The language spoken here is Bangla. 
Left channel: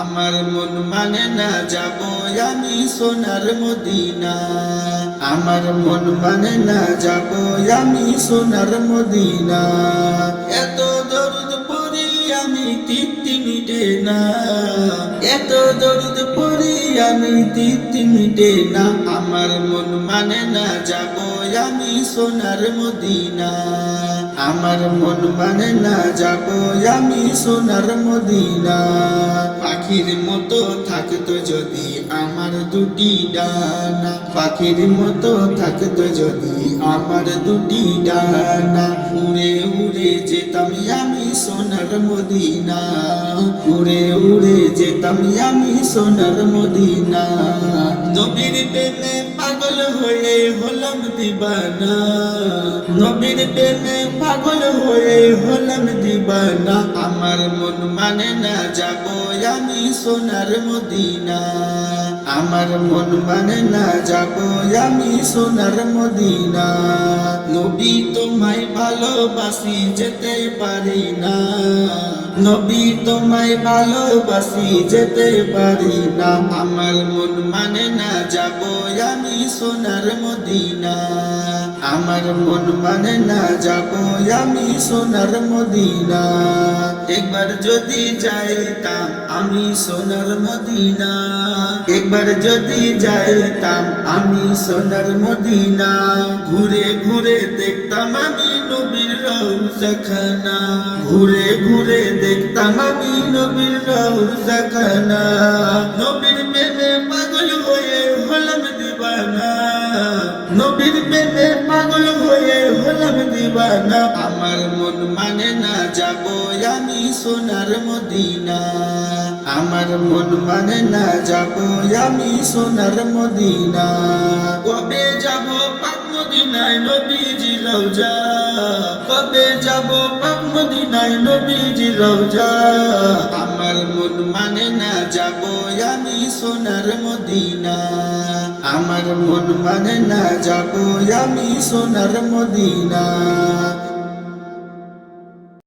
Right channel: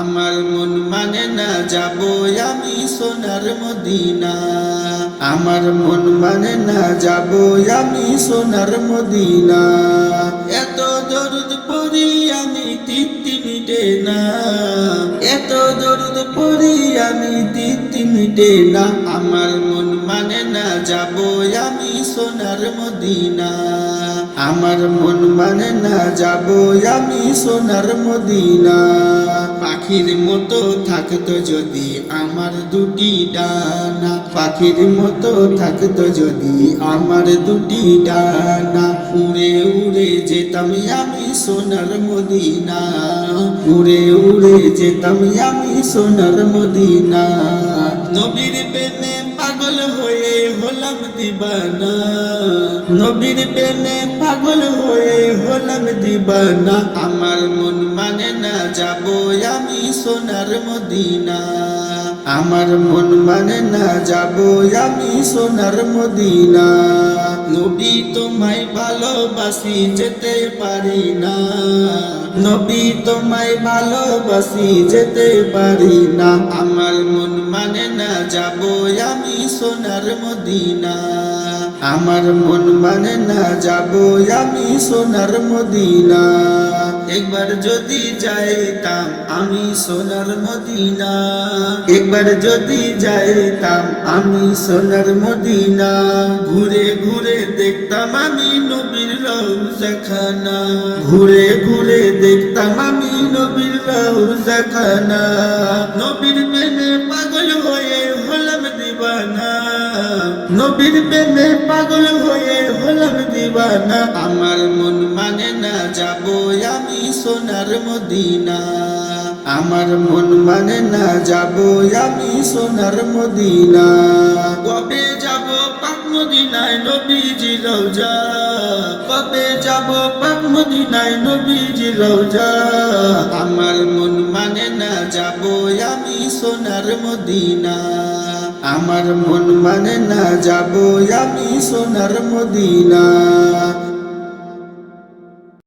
আমার মন মানে না যাব আমি সোনার মদিনা। আমার মন মানে না যাব আমি সোনার মদিনা। এত দরুদ পড়ি আমি তৃপ্তি মিটে না, এত দরুদ পড়ি আমি তৃপ্তি মিটে না। আমার মন মানে না যাব আমি সোনার মদিনা। আমার মন মানে না যাব আমি সোনার মদিনা। পাখির মতো থাকতো যদি আমার দুটি ডানা, পাখির মতো থাকতো যদি আমার দুটি ডানা, উড়ে উড়ে যেতাম আমি সোনার মদিনা, উড়ে উড়ে যেতাম আমি সোনার মদিনা। নবীর প্রেমে পাগল হয়ে হলাম দিবানা, নবীর প্রেমে পাগল হয়ে হলাম দিবানা। আমার মন মানে না যাব আমি সোনার মদিনা। আমার মন মানে না যাব আমি সোনার মদিনা। নবী তোমায় ভালোবাসি যেতে পারি না, নবী তোমায় ভালোবাসি যেতে পারি না। আমার মন মানে না যাব আমি সোনার মদিনা। আমার মন মানে না যাব আমি সোনার মদিনা। একবার যদি যাইতাম আমি সোনার মদিনা, একবার যদি যাইতাম আমি সোনার মদিনা। ঘুরে ঘুরে দেখতাম আমি নবীর রওজাখানা, ঘুরে ঘুরে দেখতাম আমি নবীর রওজাখানা। নবীর প্রেমে পাগল হয়ে হলাম দিবানা, নবীর প্রেমে পাগল হয়ে হলাম দিবানা। আমার মন মানে না যাব আমি সোনার মদিনা। আমার মন মানে না যাব আমি সোনার মদিনা। কবে যাব পাক মদিনায় নবীজি রওজা, কবে যাব পাক মদিনায় নবীজি রওজা। আমার মন মানে না যাব আমি সোনার মদিনা। আমার মন মানে না যাব আমি সোনার মদিনা।